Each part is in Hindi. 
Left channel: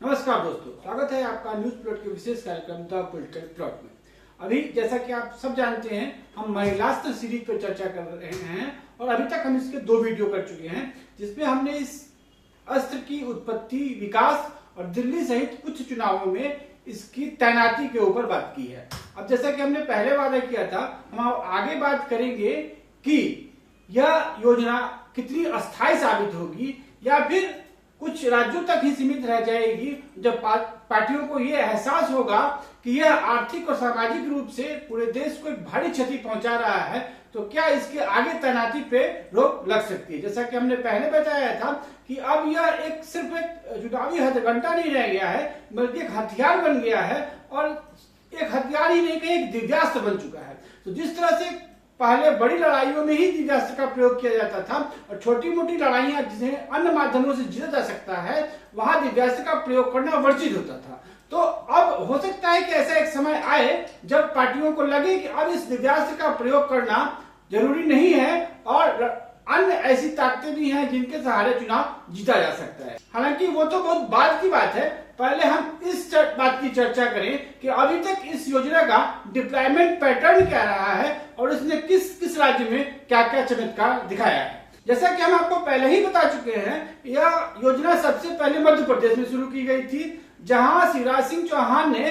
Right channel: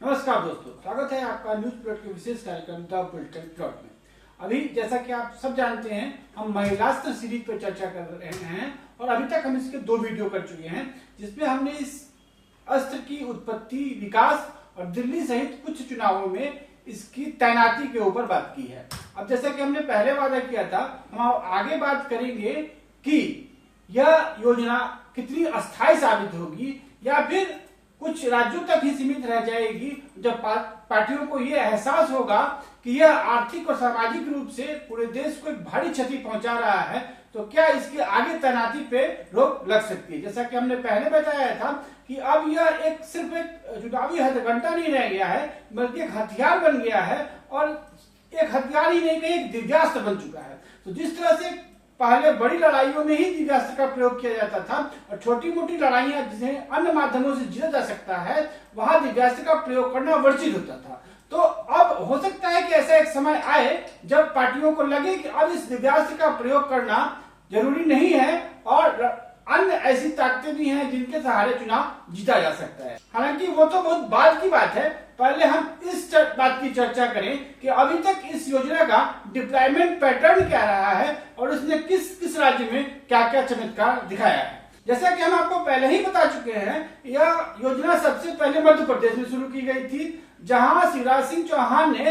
नमस्कार दोस्तों, स्वागत है आपका न्यूज प्लॉट के विशेष कार्यक्रम द पॉलिटिकल प्लॉट में। अभी जैसा कि आप सब जानते हैं, हम महिलास्त्र सीरीज पर चर्चा कर रहे हैं और अभी तक हम इसके 2 वीडियो कर चुके हैं, जिसमें हमने इस अस्त्र की उत्पत्ति, विकास और दिल्ली सहित कुछ चुनावों में इसकी तैनाती के ऊपर बात की है। अब जैसा कि हमने पहले वादा किया था, हम आगे बात करेंगे कि यह योजना कितनी अस्थायी साबित होगी या फिर कुछ राज्यों तक ही सीमित रह जाएगी, जब पार्टियों को यह एहसास होगा कि यह आर्थिक और सामाजिक रूप से पूरे देश को एक भारी क्षति पहुंचा रहा है, तो क्या इसके आगे तैनाती पे रोक लग सकती है। जैसा कि हमने पहले बताया था कि अब यह सिर्फ एक चुनावी हथकंडा नहीं रह गया है, बल्कि एक हथियार बन गया है और एक हथियार ही नहीं, कहीं एक दिव्यास्त्र बन चुका है। तो जिस तरह से पहले बड़ी लड़ाइयों में ही दिव्यास्त्र का प्रयोग किया जाता था और छोटी मोटी लड़ाइयां जिन्हें अन्य माध्यमों से जीता जा सकता है, वहां दिव्यास्त्र का प्रयोग करना वर्जित होता था। तो अब हो सकता है कि ऐसा एक समय आए जब पार्टियों को लगे कि अब इस दिव्यास्त्र का प्रयोग करना जरूरी नहीं है और अन्य ऐसी ताकतें भी हैं जिनके सहारे चुनाव जीता जा सकता है। हालांकि वो तो बहुत बाद की बात है, पहले हम इस बात की चर्चा करें कि अभी तक इस योजना का डिप्लॉयमेंट पैटर्न क्या रहा है और इसने किस किस राज्य में क्या क्या चमत्कार दिखाया है। जैसा कि हम आपको पहले ही बता चुके हैं, यह योजना सबसे पहले मध्य प्रदेश में शुरू की गई थी, जहां शिवराज सिंह चौहान ने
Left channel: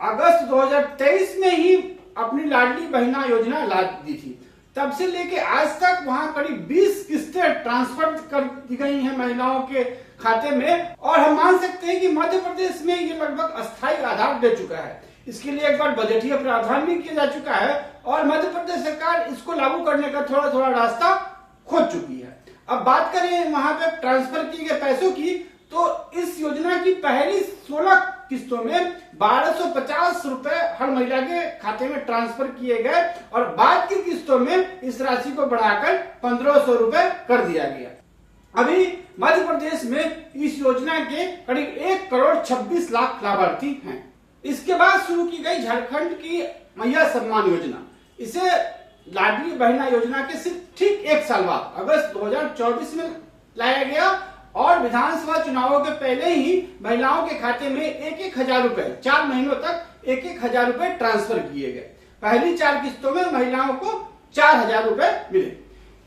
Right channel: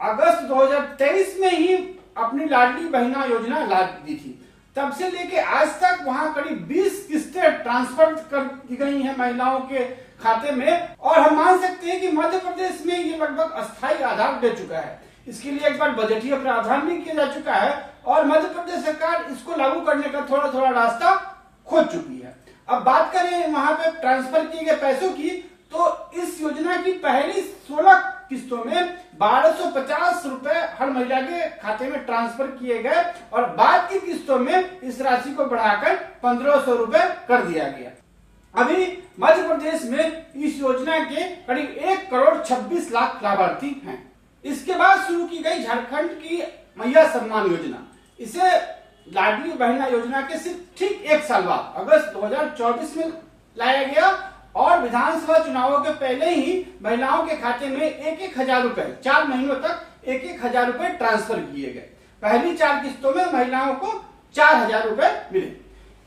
अगस्त 2023 में ही अपनी लाडली बहना योजना ला दी थी। तब से लेके आज तक वहां करीब 20 किस्तें ट्रांसफर कर दी गई हैं महिलाओं के खाते में, और हम मान सकते हैं कि मध्य प्रदेश में ये लगभग अस्थायी आधार दे चुका है। इसके लिए एक बार बजटीय प्रावधान भी किया जा चुका है और मध्य प्रदेश सरकार इसको लागू करने का थोड़ा थोड़ा रास्ता खोज चुकी है। अब बात करें वहां पे ट्रांसफर किए गए पैसों की, तो इस योजना की पहली 16 किस्तों में 1250 रुपए हर महिला के खाते में ट्रांसफर किए गए और बाद की किस्तों में इस राशि को बढ़ाकर 1500 रुपए कर दिया गया। अभी मध्य प्रदेश में इस योजना के करीब 1 करोड़ 26 लाख लाभार्थी हैं। इसके बाद शुरू की गई झारखंड की मैया सम्मान योजना, इसे लाडली बहना योजना के सिर्फ ठीक 1 साल बाद अगस्त 2024 में लाया गया और विधानसभा चुनावों के पहले ही महिलाओं के खाते में 1,000 रुपए 4 महीनों तक 1,000 रुपए ट्रांसफर किए गए। पहली 4 किस्तों में महिलाओं को 4,000 रुपए मिले।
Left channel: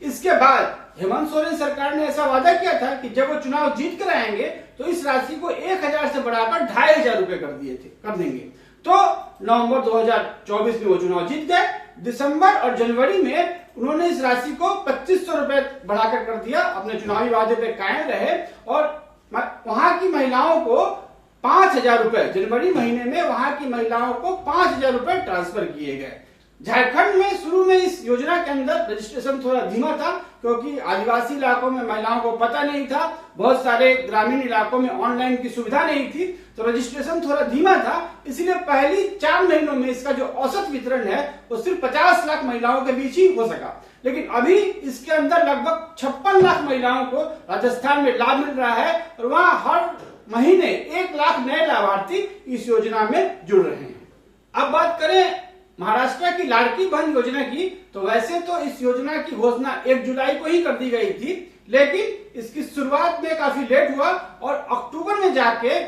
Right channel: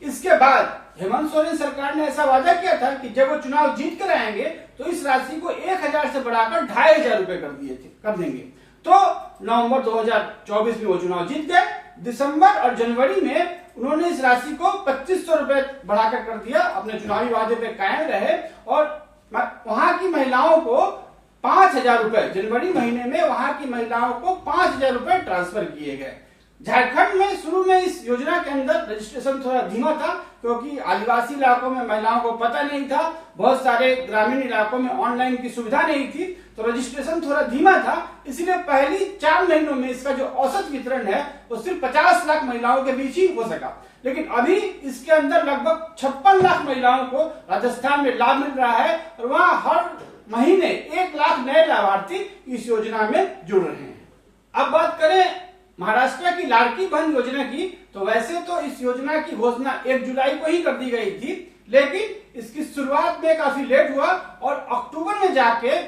इसके बाद हेमंत सोरेन सरकार ने ऐसा वादा किया था कि जब वो चुनाव जीत कर आएंगे तो इस राशि को 1,000 से बढ़ाकर 2,500 रुपए कर देंगे। तो नवंबर 2024 में वो चुनाव जीत गए। दिसंबर और जनवरी में उन्होंने इस राशि को 2500 रुपए बढ़ाकर कर दिया, अपने चुनावी वादे पे कायम रहे और वहां की महिलाओं को 5,000 रुपए, जनवरी महीने में वहां की महिलाओं को 5,000 रुपए ट्रांसफर किए गए। झारखंड में शुरू में इस योजना के अंदर रजिस्ट्रेशन थोड़ा धीमा था, क्योंकि आदिवासी इलाकों में महिलाओं को पता नहीं था, बहुत सारे ग्रामीण इलाकों में ऑनलाइन की सुविधा नहीं थी, तो रजिस्ट्रेशन थोड़ा धीमा था। इसलिए पहली 4 महीनों में इसका जो औसत वितरण है वो सिर्फ 50 लाख महिलाओं के बीच ही हो सका। लेकिन अभी इसके अंदर लगभग 56 लाख महिलाओं को राजस्थान में लाभ मिल रहा है और वहां हर महीने 1 लाख नए लाभार्थी इस योजना में जुड़ रहे हैं। अब बात करें महाराष्ट्र की लाड़की बहन योजना की, तो वैसे तो इस योजना की घोषणा 1 जुलाई को ही कर दी गई थी, लेकिन इसकी शुरुआत में काफी लेट हुआ और अक्टूबर में जाके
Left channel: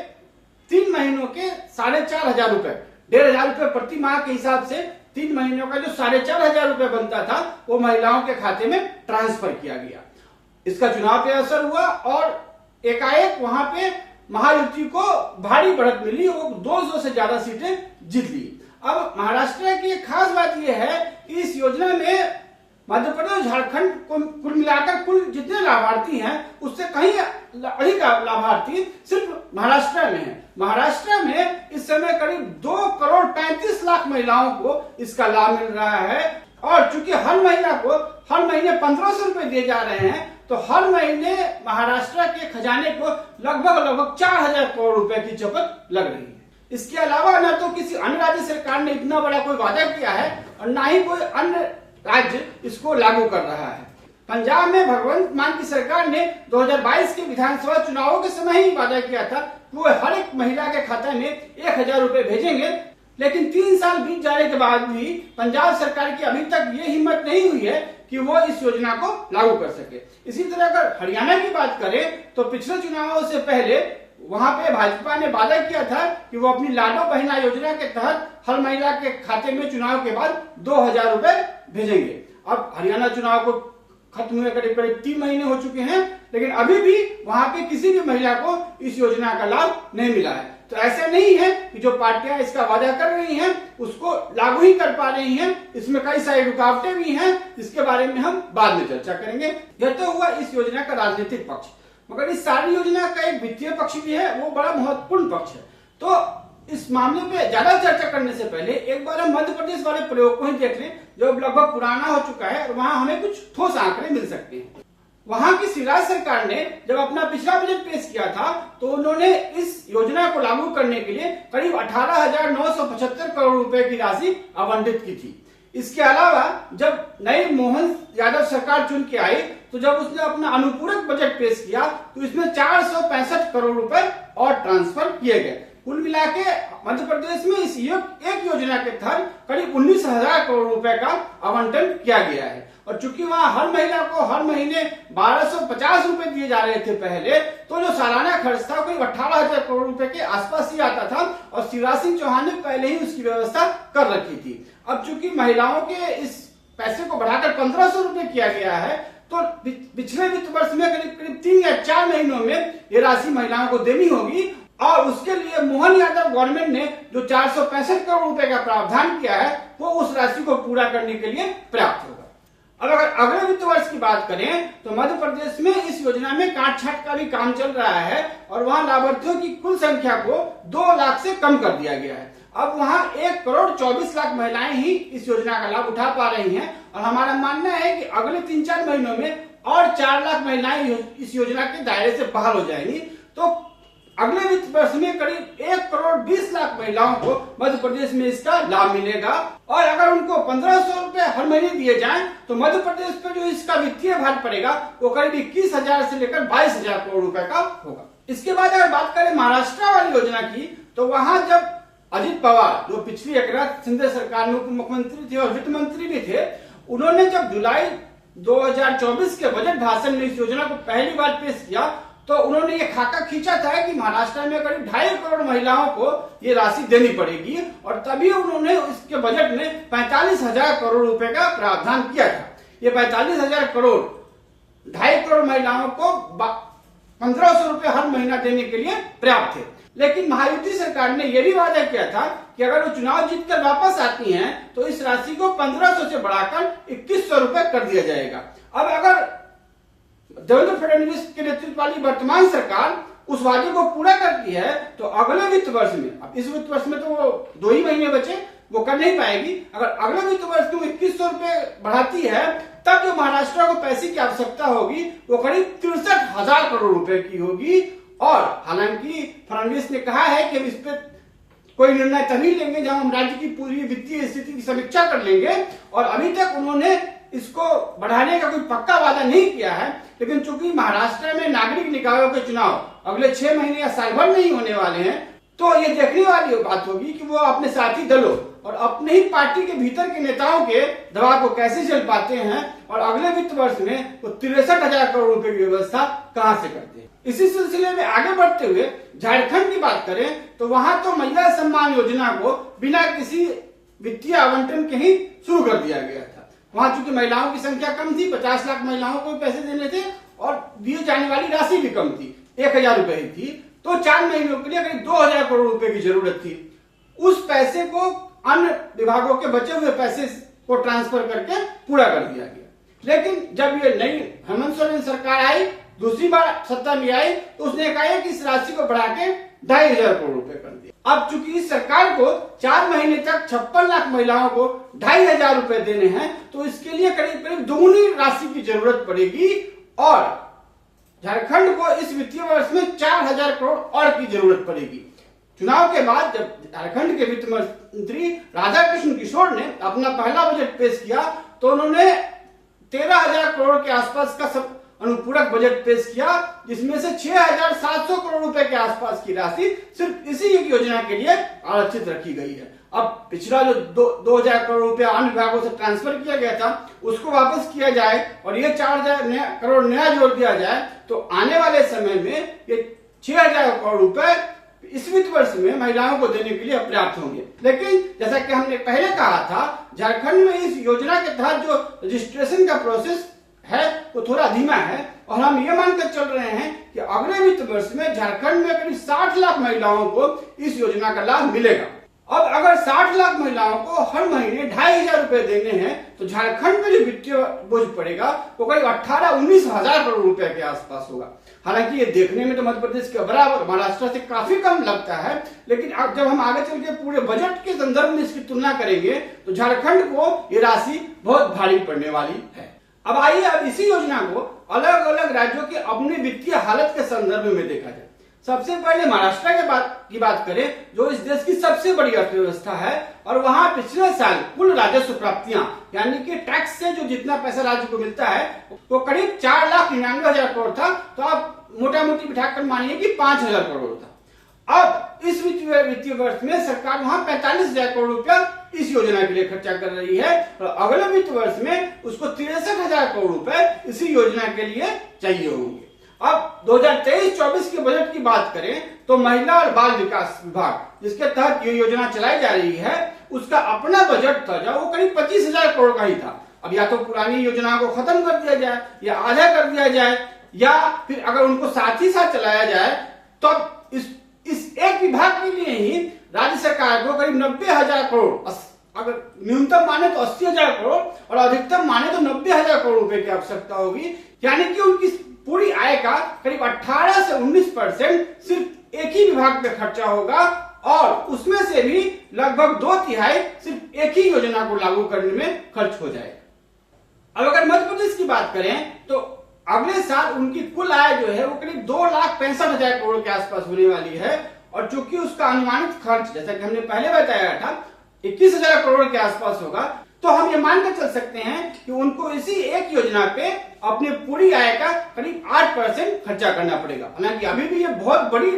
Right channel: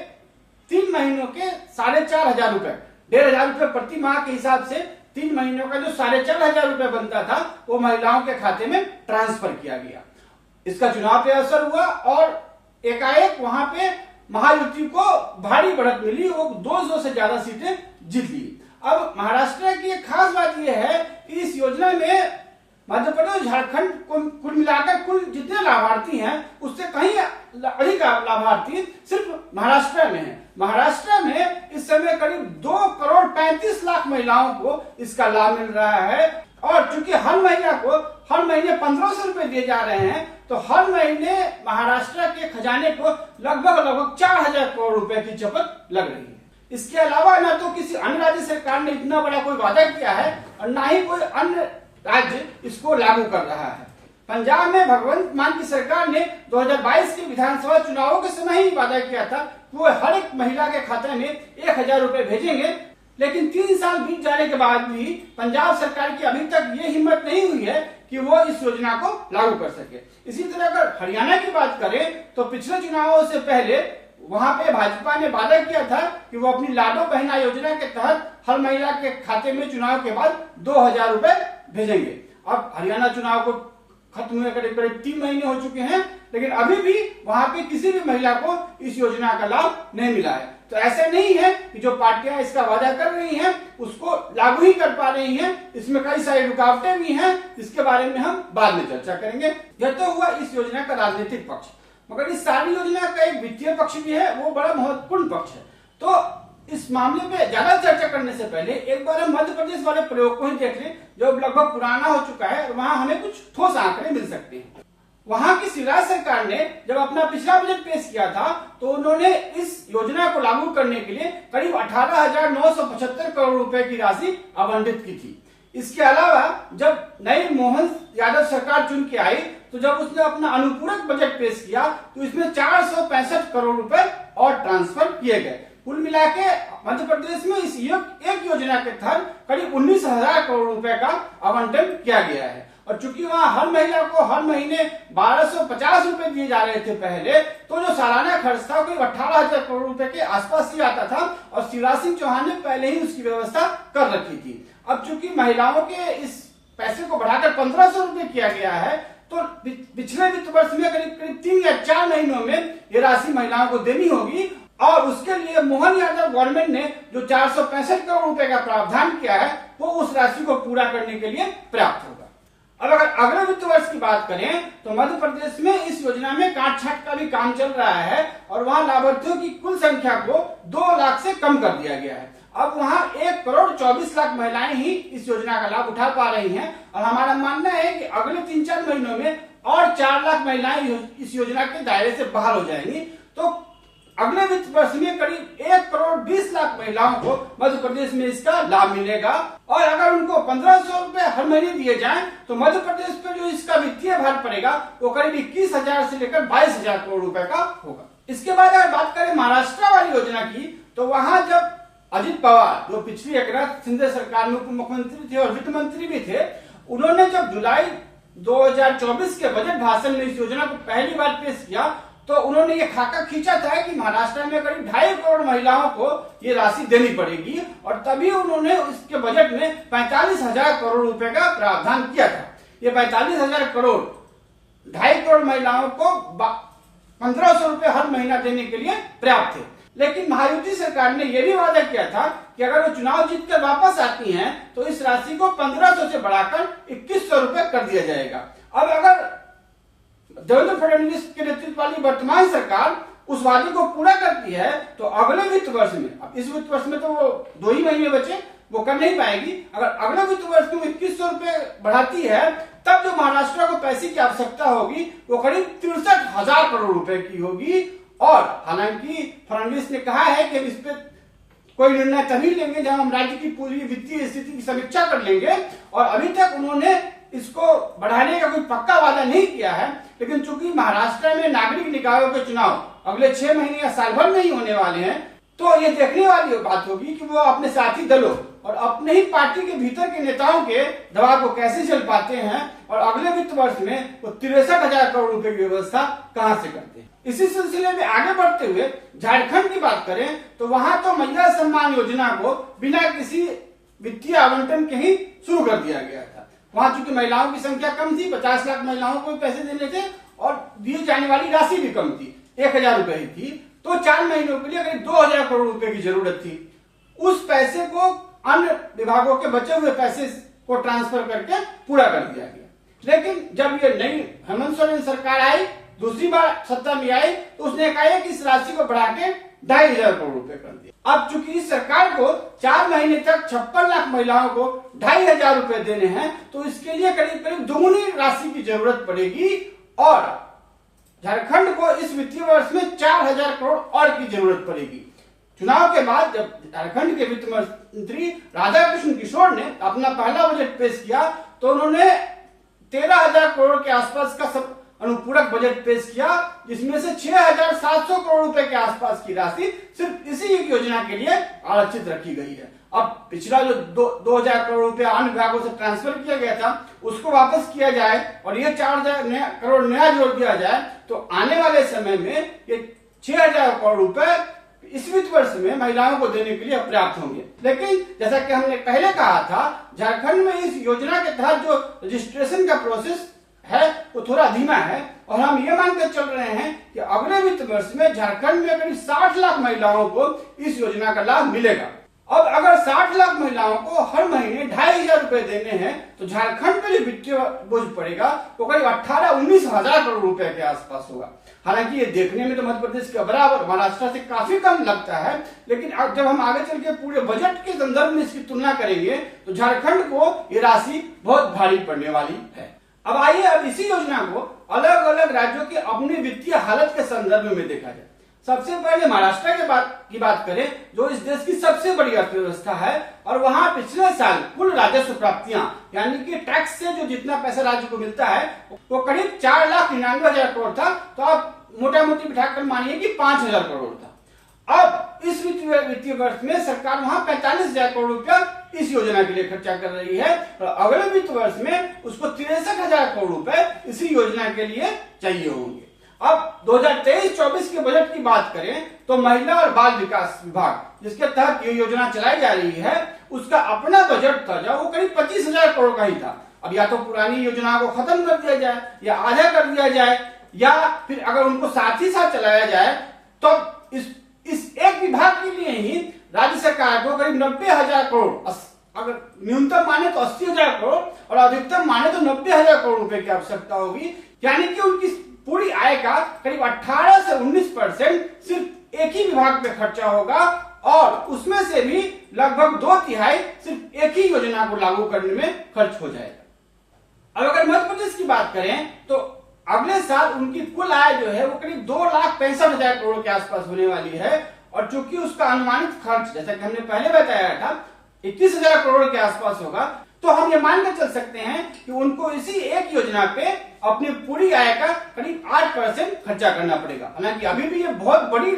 3 महीनों के 4,500 रुपए, 1,500 रुपए प्रति माह के हिसाब से 3 महीनों का जो 4,500 रुपए बनता था वो महिलाओं के खाते में ट्रांसफर किया गया। इसका चुनाव पे असर हुआ और एकाएक वहां पे महायुति को भारी बढ़त मिली, वो 200 से ज्यादा सीटें जीत ली। अब महाराष्ट्र की एक खास बात यह है कि इस योजना में मध्य प्रदेश, झारखंड को कुल मिलाकर कुल जितने लाभार्थी हैं उससे कहीं अधिक लाभार्थी सिर्फ महाराष्ट्र में हैं। महाराष्ट्र में इस समय करीब 2 करोड़ 35 लाख महिलाओं को इसका लाभ मिल रहा है और चूंकि हर महिला को हर महीने 1,500 रुपए दिए जा रहे हैं, तो हर महीने महाराष्ट्र के खजाने को लगभग 4,000 करोड़ रुपए की चपत लग रही है। इसके अलावा न तो किसी अन्य राज्य सरकार ने इतना बड़ा कोई वादा किया है और न ही कोई अन्य राज्य इसको लागू कर रहा है। पंजाब में भगवंत मान की सरकार ने 2022 के विधानसभा चुनावों के समय ही वादा किया था कि वो हर एक महिला के खाते में 1,000 रुपए भेजेंगे, लेकिन 3 साल बीत जाने के बाद भी पंजाब सरकार की अभी तक ये हिम्मत नहीं हुई है कि वो इस योजना को लागू कर सके। इसी तरह अगर हरियाणा की बात करें तो पिछले चुनावों से पहले वहां पे भाजपा ने वादा किया था कि वो अपनी लाडो बहना योजना के तहत हर महिला के खाते में चुनाव के बाद 2,000 रुपए भेजेंगे। अब हरियाणा चुनाव को खत्म हुए करीब करीब 3 महीने हो चुके हैं, लेकिन अभी भी वहां पे किसी भी महिला को इस योजना का लाभ नहीं मिला है। तो ऐसा नहीं है कि जो पार्टियां इसका वादा कर रही हैं उसको लागू ही कर पा रही हैं, इसमें कई सारी रुकावटें भी हैं, जिसके बारे में हम बाद में चर्चा करेंगे। यह तो हुआ इस योजना का राजनीतिक पक्ष, मगर इस सारी योजना का एक वित्तीय पक्ष भी है, वो बड़ा महत्वपूर्ण पक्ष है। तो इस मामले पे ज्यादा चर्चा करने से पहले एक बार हम मध्य प्रदेश वाले प्रयोग को ही देख लें, जो लगभग पुराना हो चुका है और वहां हमें कुछ ठोस आंकड़े मिल सकते हैं। वहां की शिवराज सरकार ने जब अपना पिछला बजट पेश किया था तो उन्होंने इस योजना को लागू करने के लिए करीब 18,975 करोड़ रुपए की राशि आवंटित की थी। इसके अलावा जब नई मोहन यादव सरकार चुन के आई तो जब उसने अपना अनुपूरक बजट पेश किया तो इसमें 465 करोड़ रुपए और ट्रांसफर किए गए। कुल मिला के मध्य प्रदेश में इस एक योजना के तहत करीब 19,000 करोड़ रुपए का आवंटन किया गया है। और चूंकि वहां हर महिला को हर महीने 1,250 रुपए दिए जा रहे थे पहले, तो जो सालाना खर्च था कोई 18,000 करोड़ रुपए के आसपास ही आता था और शिवराज सिंह चौहान ने पहले ही उसकी व्यवस्था कर रखी थी। अब चूंकि महिलाओं के इस पैसे को बढ़ाकर 1,500 रुपए किया गया है, तो पिछले वित्त वर्ष में करीब 3 या 4 महीनों में ये राशि महिलाओं को देनी होगी और उसके लिए मोहन यादव गवर्नमेंट ने जो 465 करोड़ रुपए का प्रावधान किया है वो उस राशि को पूरा करने के लिए पर्याप्त होगा। अब अगर अगले वित्त वर्ष की बात करें तो मध्य प्रदेश में इस योजना में काट छांट का भी काम चल रहा है और वहां लाभार्थियों की कुल संख्या को 2 लाख से कम कर दिया गया है। अब वहां 1,24,00,000 महिलाएं ही इस योजना का लाभ उठा पा रही हैं और हमारा मानना है कि अगले 3-4 महीनों में और 4 लाख महिलाएं इस योजना के दायरे से बाहर हो जाएंगी। तो अगले वित्त वर्ष में करीब 1,20,00,000 महिलाओं को मध्य प्रदेश में इसका लाभ मिलेगा और अगर उनको 1,500 रुपए हर महीने दिए जाएं तो मध्य प्रदेश पे जो इसका वित्तीय भार पड़ेगा वो करीब 21,000 से लेकर 22,000 करोड़ रुपए का होगा। इसके बाद अगर बात करें महाराष्ट्र वाली योजना की, तो वहां जब अजित पवार जो पिछली एकनाथ शिंदे सरकार में उप मुख्यमंत्री थे और वित्त मंत्री भी थे, उन्होंने जब जुलाई 2024 के बजट भाषण में इस योजना को पहली बार पेश किया तो उन्होंने ये खाका खींचा था कि महाराष्ट्र में करीब 2.5 करोड़ महिलाओं को ये राशि देनी पड़ेगी और तभी उन्होंने इसके बजट में 45,000 करोड़ रुपए का प्रावधान किया था। ये 45,000 करोड़ 2.5 करोड़ महिलाओं को 1,500 रुपए हर महीना देने के लिए पर्याप्त थे। लेकिन महायुति सरकार ने यह भी वादा किया था कि अगर वो चुनाव जीतकर वापस आती हैं तो इस राशि को 1,500 से बढ़ाकर 2,100 रुपए कर दिया जाएगा। अब अगर देवेंद्र फडणवीस के नेतृत्व वाली वर्तमान सरकार उस वादे को पूरा करती है तो अगले वित्त वर्ष में, अब इस वित्त वर्ष में तो 2 ही महीने बचे, वो कर नहीं पाएगी। अगर अगले वित्त वर्ष में 2,100 रुपए बढ़ाती है तब जो महाराष्ट्र को पैसे की आवश्यकता होगी वो करीब 63,000 करोड़ रुपए की होगी। और हालांकि फडणवीस ने कहा है कि इस पे कोई निर्णय तभी लेंगे जब हम राज्य की पूरी वित्तीय स्थिति की समीक्षा कर लेंगे, और अभी तक उन्होंने इसको बढ़ाने का कोई पक्का वादा नहीं किया है। लेकिन चूंकि महाराष्ट्र में नागरिक निकायों के चुनाव अगले 6 महीने या साल भर नहीं होने वाले हैं, तो ये देखने वाली बात होगी कि वो अपने साथी दलों और अपने ही पार्टी के भीतर के नेताओं के दबाव को कैसे झेल पाते हैं और अगले वित्त वर्ष में वो 63,000 करोड़ रुपए की व्यवस्था कहां से करते हैं। इसी सिलसिले में आगे बढ़ते हुए झारखंड की बात करें तो वहां तो महिला सम्मान योजना को बिना किसी वित्तीय आवंटन के ही शुरू कर दिया गया था। वहां चूंकि महिलाओं की संख्या कम थी, 50 लाख महिलाओं को पैसे देने थे और दिए जाने वाली राशि भी कम थी, 1,000 रुपए ही थी, तो 4 महीनों के लिए करीब 2,000 करोड़ रुपए की जरूरत थी। उस पैसे को अन्य विभागों के बचे हुए पैसे को ट्रांसफर करके पूरा कर दिया गया। लेकिन जब ये नई हेमंत सोरेन सरकार आई, दूसरी बार सत्ता में आई, तो उसने कहा कि इस राशि को बढ़ा के 2,500 करोड़ रुपए कर दिया। अब चूंकि इस सरकार को 4 महीने तक 56 लाख महिलाओं को 2,500 रुपए देने हैं, तो इसके लिए करीब करीब दोगुनी राशि की जरूरत पड़ेगी और झारखंड को इस वित्तीय वर्ष में 4,000 करोड़ और की जरूरत पड़ेगी। चुनाव के बाद जब झारखंड के वित्त मंत्री राधाकृष्ण किशोर ने अपना पहला बजट पेश किया तो उन्होंने 13,000 करोड़ के आसपास का सब अनुपूरक बजट पेश किया, जिसमें से 6,700 करोड़ रुपए के आसपास की राशि सिर्फ इसी एक योजना के लिए आरक्षित रखी गई है। अब पिछला जो 2,000 करोड़ रुपए अन्य विभागों से ट्रांसफर किया गया था उसको वापस किया जाए और ये 4,000 करोड़ नया जोड़ दिया जाए तो आने वाले समय में ये 6,000 करोड़ रुपए इस वित्त वर्ष में महिलाओं को देने के लिए पर्याप्त होंगे। लेकिन जैसा कि हमने पहले कहा था, झारखंड में इस योजना के तहत जो रजिस्ट्रेशन का प्रोसेस है वो थोड़ा धीमा है और हम ये मानकर चल रहे हैं कि अगले वित्त वर्ष में झारखंड में करीब 60 लाख महिलाओं को इस योजना का लाभ मिलेगा। अब अगर 60 लाख महिलाओं को हर महीने 2,500 रुपए देने हैं तो झारखंड में जो वित्तीय बोझ पड़ेगा वो करीब 18-19 हजार करोड़ रुपए के आसपास होगा। हालांकि ये देखने में तो मध्य प्रदेश के बराबर, महाराष्ट्र से काफी कम लगता है, लेकिन अब जब हम आगे चल के पूरे बजट के संदर्भ में इसकी तुलना करेंगे तो झारखंड को ये राशि बहुत भारी पड़ने वाली है। अब आइए अब इसी योजना को अलग अलग राज्यों की अपनी वित्तीय हालत के संदर्भ में देखा जाए। सबसे पहले महाराष्ट्र की बात करें, जो इस देश की सबसे बड़ी अर्थव्यवस्था है और वहां पिछले साल कुल राजस्व प्राप्तियां यानी कि टैक्स से जो जितना पैसा राज्य को मिलता है वो करीब 4,99,000 करोड़ था। तो आप मोटा मोटी बिठाकर मानिए कि 5,000 करोड़ था। अब इस वित्तीय वर्ष में सरकार वहां 45,000 करोड़ रुपया इस योजना के लिए खर्चा कर रही है और अगले वित्त वर्ष में उसको 63,000 करोड़ रुपए इसी योजना के लिए चाहिए होंगे। अब 2023-24 के बजट की बात करें तो महिला और बाल विकास विभाग जिसके तहत ये योजना चलाई जा रही है उसका अपना बजट था जो वो करीब 25,000 करोड़ का ही था। अब या तो पुरानी योजना को खत्म कर दिया जाए या आधा कर दिया जाए या फिर अगर उनको साथ ही साथ चलाया जाए तो इस एक विभाग के लिए ही राज्य सरकार को करीब 90,000 करोड़, अगर न्यूनतम माने तो 80,000 करोड़ और अधिकतम माने तो 90,000 करोड़ रुपए की आवश्यकता होगी। यानी कि उनकी पूरी आय का करीब 18 से 19% सिर्फ एक ही विभाग पे खर्चा होगा और उसमें से भी लगभग 2/3 सिर्फ एक ही योजना को लागू करने में खर्च हो जाएगा। अब अगर मध्य प्रदेश की बात करें तो अगले साल उनकी कुल आय जो है वो करीब 2,65,000 करोड़ के आसपास होने वाली है और चूंकि उसका अनुमानित खर्च जैसा कि हमने पहले बताया था 21,000 करोड़ के आसपास होगा, तो हम ये मानकर चल सकते हैं कि उनको इसी एक योजना पे अपनी पूरी आय का करीब 8% खर्चा करना पड़ेगा। हालांकि अभी भी ये बहुत बड़ी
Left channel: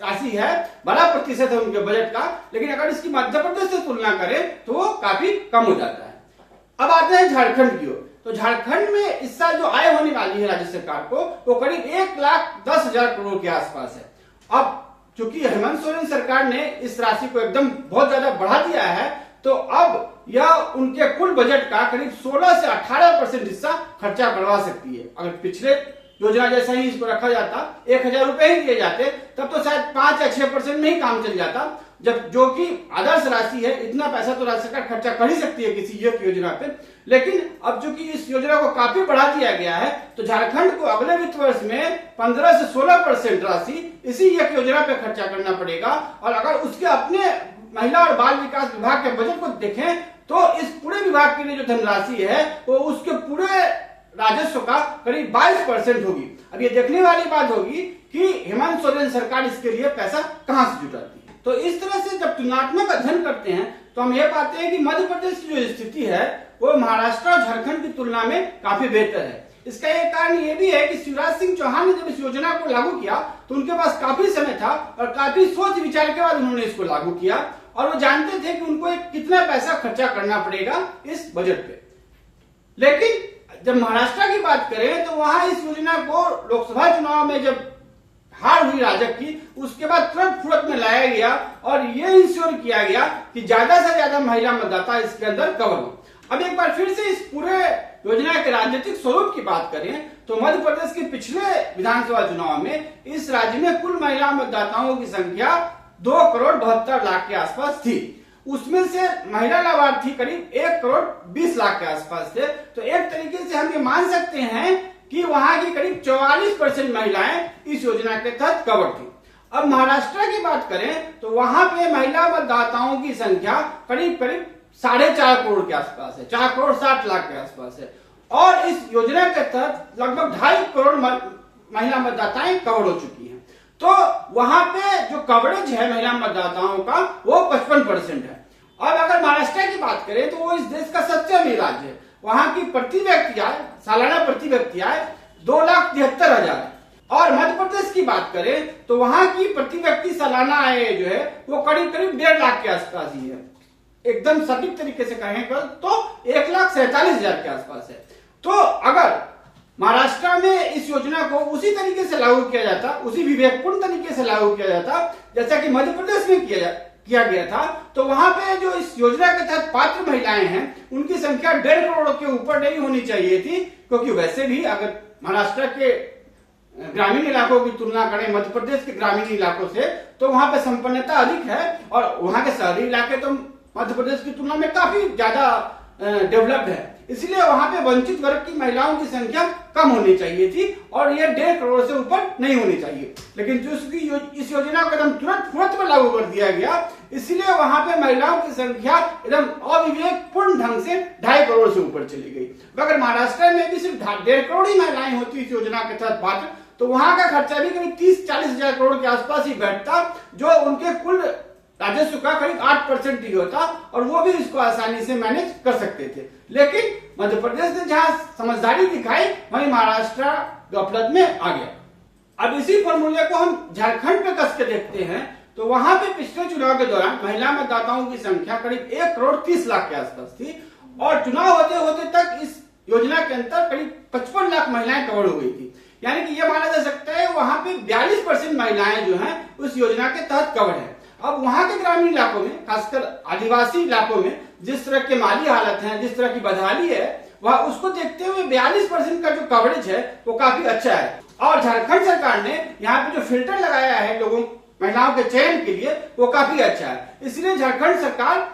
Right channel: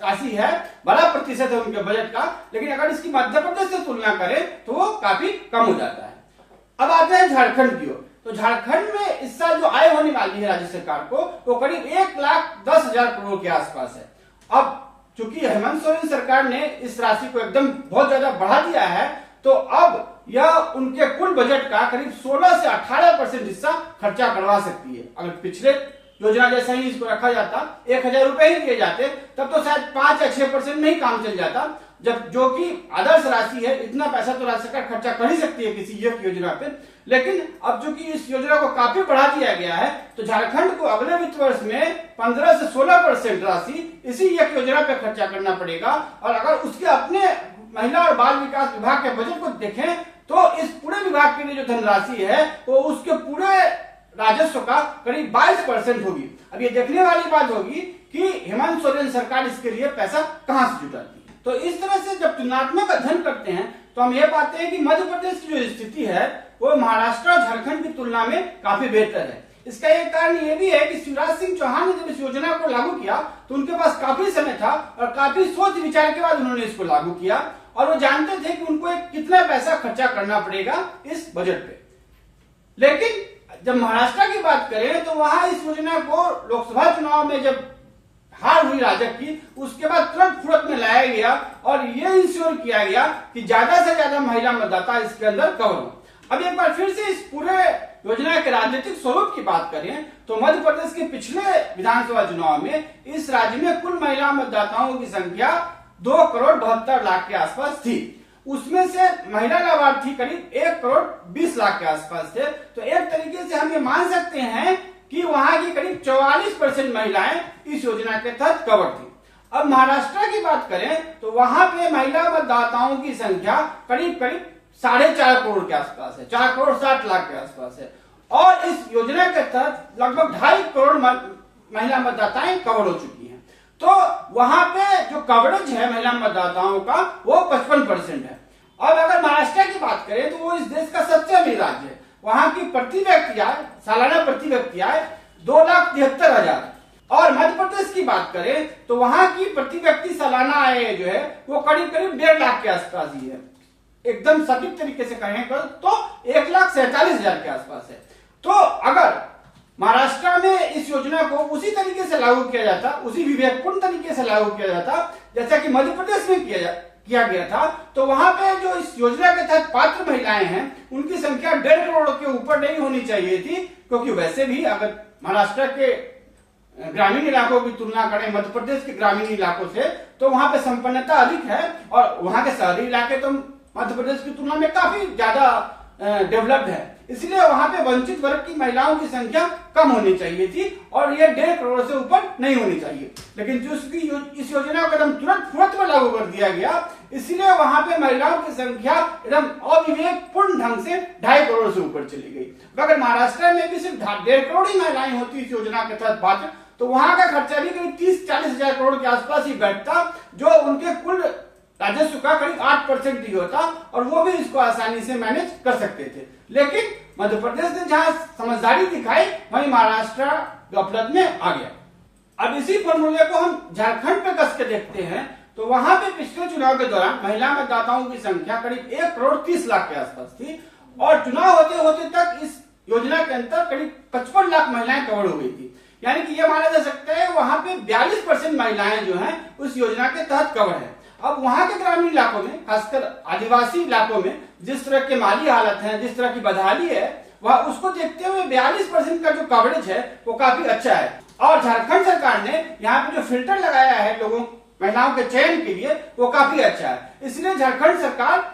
राशि है, बड़ा प्रतिशत है उनके बजट का, लेकिन अगर इसकी मध्य प्रदेश से तुलना करें तो वो काफी कम हो जाता है। अब आते हैं झारखंड की ओर। तो झारखंड में इस साल जो आय होने वाली है राज्य सरकार को वो करीब 1,10,000 करोड़ के आसपास है। अब चूंकि हेमंत सोरेन सरकार ने इस राशि को एकदम बहुत ज्यादा बढ़ा दिया है तो अब यह उनके कुल बजट का करीब 16 से 18% हिस्सा खर्चा बढ़वा सकती है। अगर पिछले योजना जैसा ही इसको रखा जाता, 1,000 रुपए ही दिए जाते, तब तो शायद 5 या 6% में ही काम चल जाता, जब जो कि आदर्श राशि है। इतना पैसा तो राज्य सरकार खर्चा कर ही सकती है किसी एक योजना पे, लेकिन अब चूंकि इस योजना को काफी बढ़ा दिया गया है तो झारखंड को अगले वित्त वर्ष में 15 से 16% राशि इसी एक योजना पे खर्चा करना पड़ेगा। और अगर उसके अपने महिला और बाल विकास विभाग के बजट को देखें तो इस पूरे विभाग के लिए जो धनराशि है वो उसके पूरे राजस्व का करीब 22% होगी। अब ये देखने वाली बात होगी कि हेमंत सोरेन सरकार इसके लिए पैसा कहां से जुटाती है। तो इस तरह से जब तुलनात्मक अध्ययन करते हैं तो हम ये पाते हैं कि मध्य प्रदेश की जो स्थिति है वो महाराष्ट्र और झारखंड की तुलना में काफी बेहतर है। इसका एक कारण ये भी है कि शिवराज सिंह चौहान ने जब इस योजना को लागू किया तो उनके पास काफी समय था और काफी सोच विचार के बाद उन्होंने इसको लागू किया और वो जानते थे कि उनको कितना पैसा खर्चा करना पड़ेगा इस बजट पे। लेकिन जब महाराष्ट्र की बात करें तो वहां इस योजना को लोकसभा चुनाव में जब हार हुई राजग की, उसके बाद तुरंत फुर्त में लाया गया और ये इंश्योर किया गया कि ज्यादा से ज्यादा महिला मतदाता इसके अंदर कवर हो। अब एक बार फिर से इस पूरे योजना के राजनीतिक स्वरूप की बात करें तो मध्य प्रदेश के पिछले विधानसभा चुनाव में इस राज्य में कुल महिला मतदाताओं की संख्या 2,72,00,000 के आसपास थी। उसमें से महिला लाभार्थी करीब 1,20,00,000 के आसपास थे। तो एक तरीके से हम ये मान सकते हैं कि वहां की करीब 44% महिलाएं इस योजना के तहत कवर थी। अब महाराष्ट्र की बात करें तो वहां पे महिला मतदाताओं की संख्या करीब 4.5 करोड़ के आसपास है, 4,60,00,000 के आसपास है और इस योजना के तहत लगभग 2.5 करोड़ महिला मतदाताएं कवर हो चुकी हैं। तो वहां पे जो कवरेज है महिला मतदाताओं का वो 55% है। और अगर महाराष्ट्र की बात करें तो वो इस देश का सबसे अमीर राज्य है। वहां की प्रति व्यक्ति आय, सालाना प्रति व्यक्ति आय 2,73,000 और मध्य प्रदेश की बात करें तो वहां की प्रति व्यक्ति सालाना आय जो है वो करीब 1.5 लाख के आसपास ही है। एकदम सटीक तरीके से कहें तो 1,47,000 के आसपास है। तो अगर महाराष्ट्र में इस योजना को उसी तरीके से लागू किया जाता, उसी विवेकपूर्ण तरीके से लागू किया जाता जैसा कि मध्य प्रदेश में किया गया था, तो वहां पे जो इस योजना के तहत पात्र महिलाएं हैं उनकी संख्या 1.5 करोड़ के ऊपर नहीं होनी चाहिए थी, क्योंकि वैसे भी अगर महाराष्ट्र के ग्रामीण इलाकों की तुलना करें मध्य प्रदेश के ग्रामीण इलाकों से, तो वहां पे संपन्नता अधिक है और वहां के शहरी इलाके तो मध्य प्रदेश की तुलना में काफी ज्यादा डेवलप्ड है। इसलिए वहां पे वंचित वर्ग की महिलाओं की संख्या कम होनी चाहिए थी और ये 1.5 करोड़ से ऊपर नहीं होनी चाहिए। लेकिन जो इस योजना को एकदम तुरंत में लागू कर दिया गया, इसलिए वहां पे महिलाओं की संख्या एकदम अविवेकपूर्ण ढंग से 2.5 करोड़ से ऊपर चली गई। अगर महाराष्ट्र में भी सिर्फ 1.5 करोड़ ही महिलाएं होती इस योजना के तहत पात्र, तो वहां का खर्चा भी करीब 30-40 हजार करोड़ के आसपास ही बैठता, जो उनके कुल राजस्व का करीब 8% ही होता और वो भी इसको आसानी से मैनेज कर सकते थे। लेकिन मध्य प्रदेश ने जहां समझदारी दिखाई, वहीं महाराष्ट्र गफलत में आ गया। अब इसी फॉर्मूले को हम झारखंड पे कस के देखते हैं, तो वहां पे पिछले चुनाव के दौरान महिला मतदाताओं की संख्या करीब 1 करोड़ 30 लाख के आसपास थी और चुनाव होते होते तक इस योजना के अंतर्गत करीब 55 लाख महिलाएं कवर हो गई थी। यानी कि यह माना जा सकता है वहां पे 42% महिलाएं जो हैं उस योजना के तहत कवर है। अब वहां के ग्रामीण इलाकों में, खासकर आदिवासी इलाकों में जिस तरह के माली हालत है, जिस तरह की बदहाली है, वह उसको देखते हुए 42% का जो कवरेज है वो काफी अच्छा है। और झारखंड सरकार ने यहाँ पे जो फिल्टर लगाया है महिलाओं के चयन के लिए, वो काफी अच्छा है। इसलिए झारखंड सरकार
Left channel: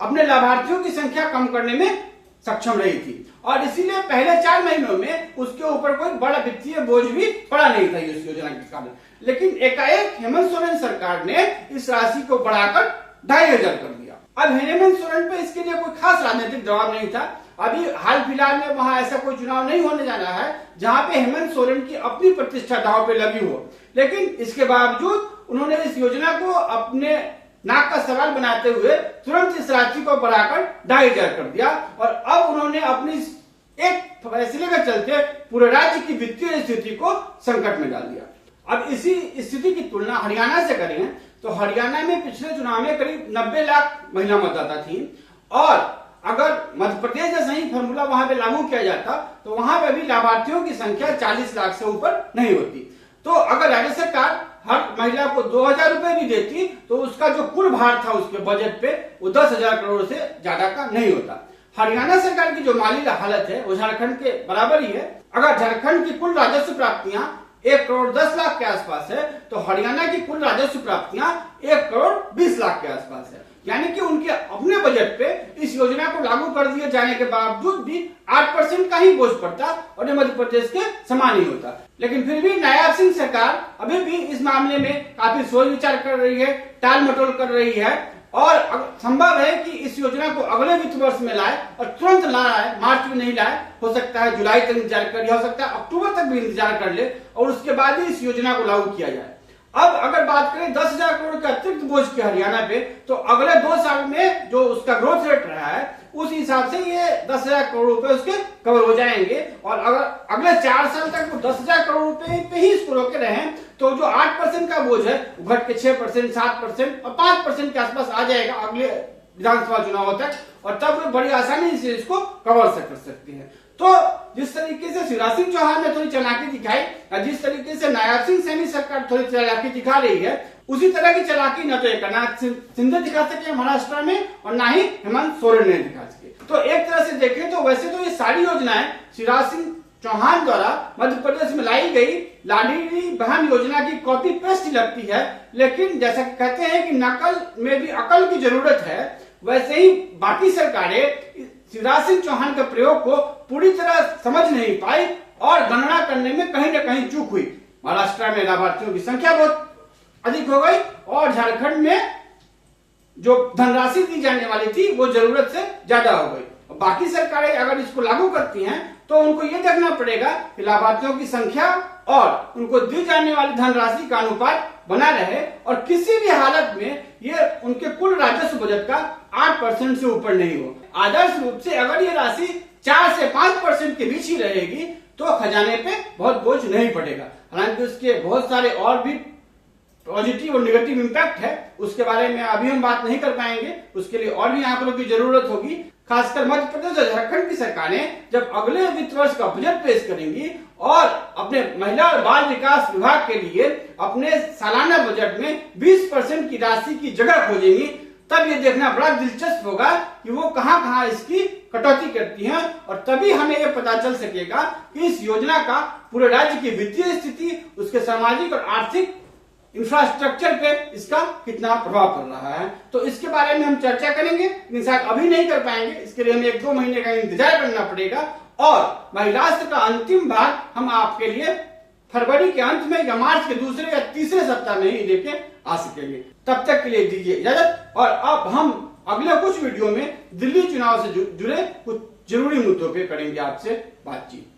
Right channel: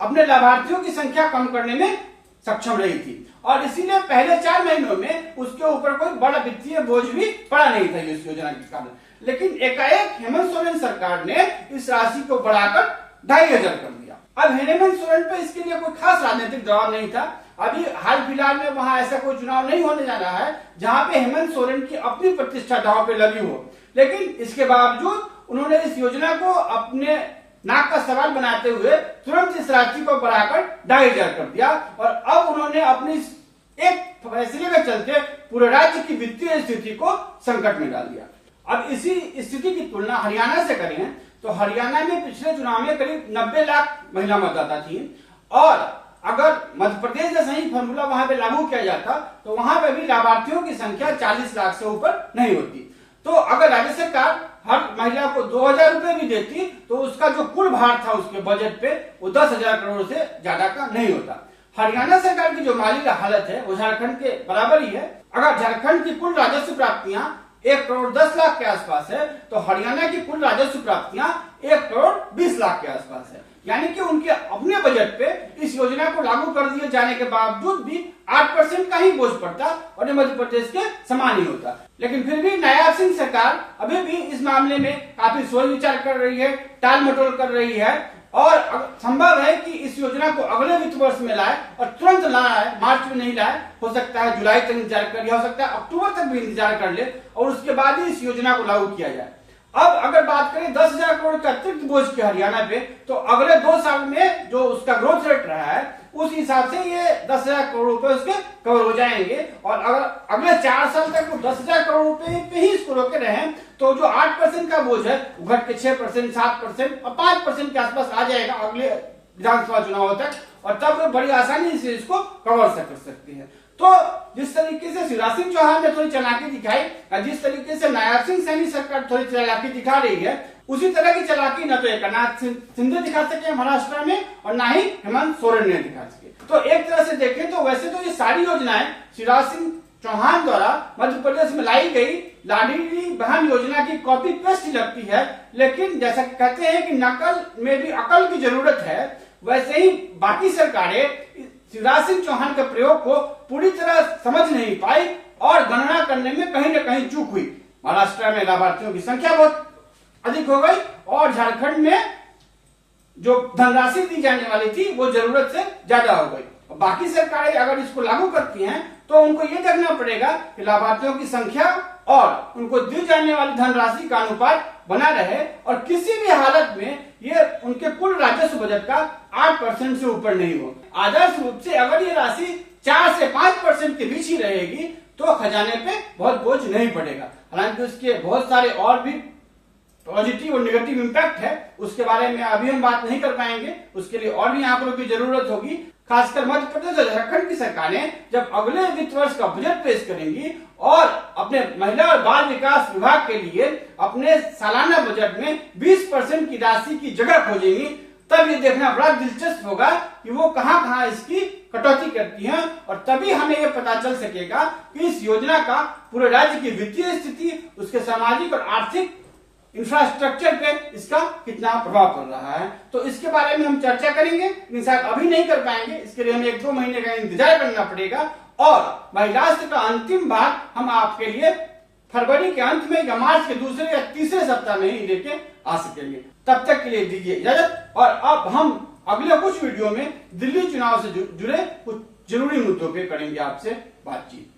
अपने लाभार्थियों की संख्या कम करने में सक्षम रही थी और इसीलिए पहले 4 महीनों में उसके ऊपर कोई बड़ा वित्तीय बोझ भी पड़ा नहीं था इस योजना के कारण। लेकिन एकाएक हेमंत सोरेन सरकार ने इस राशि को बढ़ाकर 2,500 कर दिया। अब हेमंत सोरेन पे इसके लिए कोई खास राजनीतिक दबाव नहीं था। अभी हाल फिलहाल में वहां ऐसा कोई चुनाव नहीं होने जाना है जहां पे हेमंत सोरेन की अपनी प्रतिष्ठा दांव पे लगी हो, लेकिन इसके बावजूद उन्होंने इस योजना को अपने नाक का सवाल बनाते हुए तुरंत इस राशि को बढ़ाकर 2,500 कर दिया और अब उन्होंने अपनी एक फैसले के चलते पूरे राज्य की वित्तीय स्थिति को संकट में डाल दिया। अब इसी स्थिति की तुलना हरियाणा से करें तो हरियाणा में पिछले चुनाव में करीब 90 लाख महिला मतदाता थी और अगर मध्य प्रदेश जैसा ही फॉर्मूला वहां पे लागू किया जाता तो वहां पे भी लाभार्थियों की संख्या 40 लाख से ऊपर नहीं होती। तो अगर राज्य सरकार हर महिला को 2,000 रुपए भी देती तो उसका जो कुल भार था उसके बजट पे वो 10,000 करोड़ से ज्यादा का नहीं होता। हरियाणा सरकार की जो माली हालत है वो झारखंड के बराबर ही है। अगर झारखंड की कुल राजस्व प्राप्तियां 1 करोड़ 10 लाख के आसपास है तो हरियाणा की कुल राजस्व प्राप्तियां 1 करोड़ 20 लाख के आसपास है। यानी कि उनके अपने बजट पे इस योजना को लागू कर दिए जाने के बावजूद भी 8% का ही बोझ पड़ता और ये मध्य प्रदेश के समान ही होता। लेकिन फिर भी नायाब सिंह सरकार अभी भी इस मामले में काफी सोच विचार कर रही है, टाल मटोल कर रही है और संभव है कि इस योजना को अगले वित्त वर्ष में लाए और तुरंत लाए, मार्च में नहीं लाए, हो सकता है जुलाई तक इंतजार कर, हो सकता है अक्टूबर तक भी इंतजार कर ले और उसके बाद ही इस योजना को लागू किया जाए। अब अगर बात करें 10,000 करोड़ के अतिरिक्त बोझ के हरियाणा पे, तो अगले 2 साल में जो उसका ग्रोथ रेट रहा है उस हिसाब से ये 10,000 करोड़ रुपए उसके कवर हो जाएंगे और अगर अगले 4 साल तक वो 10,000 करोड़ रुपए पे ही इसको रोके रहे तो जो 8% का बोझ है वो घट के 6%, 7% और 5% के आसपास आ जाएगा अगले विधानसभा चुनाव तक और तब बड़ी आसानी से इसको कवर कर सकते हैं। तो जिस तरीके से शिवराज सिंह चौहान ने थोड़ी चालाकी दिखाई और जिस तरीके से नायाब सिंह सैनी सरकार थोड़ी चालाकी दिखा रही है, उसी तरह की चालाकी न तो एकनाथ शिंदे दिखा सके महाराष्ट्र में और न ही हेमंत सोरेन ने दिखा सके। तो एक तरह से देखें तो वैसे तो ये सारी योजनाएं शिवराज सिंह चौहान द्वारा मध्य प्रदेश में लाई गई लाडली बहन योजना की कॉपी पेस्ट लगती है, लेकिन जैसा कि कहते हैं कि नकल में भी अकल की जरूरत है, वैसे ही बाकी सरकारें शिवराज सिंह चौहान के प्रयोग को पूरी तरह समझ नहीं पाई और गणना करने में कहीं न कहीं चूक हुई। महाराष्ट्र में लाभार्थियों की संख्या बहुत अधिक हो गई और झारखंड में जो धनराशि दी जाने वाली थी वो जरूरत से ज्यादा हो गई। बाकी सरकारें अगर इसको लागू करती हैं तो उनको ये देखना पड़ेगा कि लाभार्थियों की संख्या और उनको दी जाने वाली धनराशि का अनुपात बना रहे और किसी भी हालत में ये उनके कुल राजस्व बजट का 8% से ऊपर नहीं हो। आदर्श रूप से अगर ये राशि 4 से 5% के बीच ही रहेगी तो खजाने पे बहुत बोझ नहीं पड़ेगा। हालांकि उसके बहुत सारे और भी पॉजिटिव और नेगेटिव इम्पैक्ट है, उसके बारे में अभी हम बात नहीं कर पाएंगे, उसके लिए और भी आंकड़ों की जरूरत होगी। खासकर मध्य प्रदेश और झारखंड की सरकारें जब अगले वित्त वर्ष का बजट पेश करेंगी और अपने महिला और बाल विकास विभाग के लिए अपने सालाना बजट में 20% की राशि की जगह खोजेंगी, तब ये देखना बड़ा दिलचस्प होगा कि वो कहां कहां इसकी कटौती करती हैं, और तभी हमें ये पता चल सकेगा कि इस योजना का पूरे राज्य की वित्तीय स्थिति, उसके सामाजिक और आर्थिक इंफ्रास्ट्रक्चर पे इसका कितना प्रभाव पड़ रहा है। तो इसके बारे में हम चर्चा करेंगे, लेकिन शायद अभी नहीं कर पाएंगे, इसके लिए हमें 1-2 महीने का इंतजार करना पड़ेगा। और महिलास्त्र का अंतिम भाग हम आपके लिए फरवरी के अंत में या मार्च के दूसरे या तीसरे सप्ताह में ही लेके आ सकेंगे। तब तक के लिए दीजिए इजाजत, और अब हम अगले कुछ वीडियो में दिल्ली चुनाव से जुड़े कुछ जरूरी मुद्दों पे करेंगे आपसे बातचीत।